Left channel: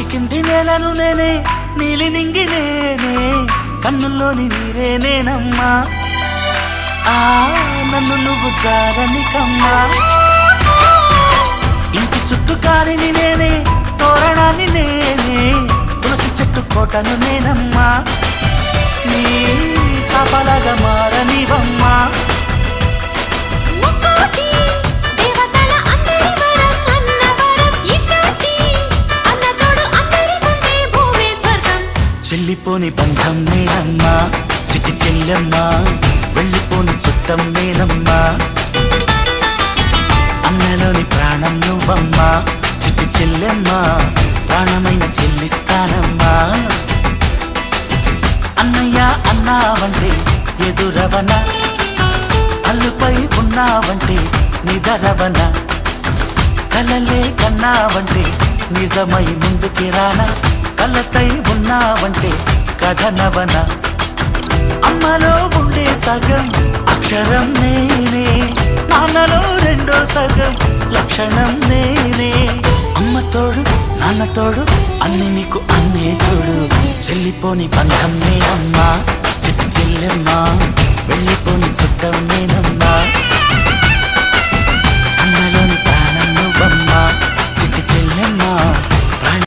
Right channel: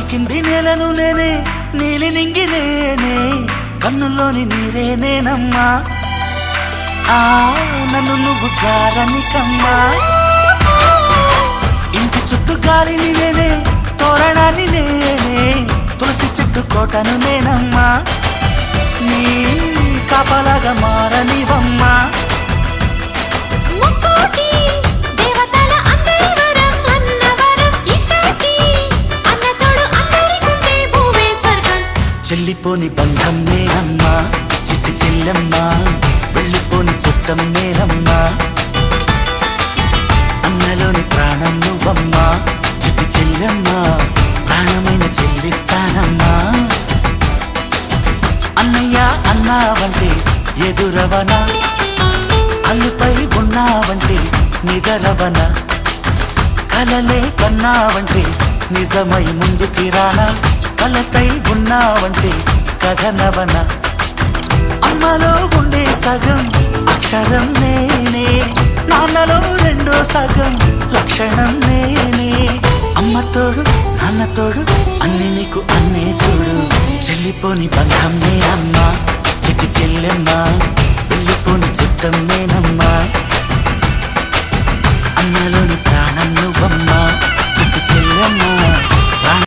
పలికింది నెలను నేనే నీలి నింగి నేనే కన్నుల్లోని నీరే నేనమ్మా నన్ను నువ్వు జాలని కమ్మా ఇంటి చుట్టూ కాలిని నేనే తోరణాన్ని నేనే తులసి చెట్టు కోటను నేనమ్మా నీ కాపలాగా మారనివమ్మా చెల్లిపోని బంధం నేనమ్మా చిట్టి చెల్లమ్మా వెళ్ళిపోని చుట్టం నేనమ్మా అన్నలోని ప్రాణం నువ్వమ్మా చిట్టి చెల్లమ్మా ప్రాణమైన చెల్లిస్తానమ్మా అన్నయ్య అన్నావంటే ఎదురవన అల్లుపై ఉన్నావంటే నిదరవన కలలే కన్నావంటే నిజమై ముందుకి రానా కలపై ఉన్నావంటే కథనవన అమ్మలో ఉండే సగం అక్షరం నేనే నాన్నలో రెండో సగం లక్షణం నేనే అమ్మ తోడు నాన్న తోడు అన్ని నీకు అన్నే చూడు చెల్లిపోని బంధం నేనమ్మా చెట్టి చెల్లెమ్మా వెళ్ళిపోని చుట్టం నేనమ్మా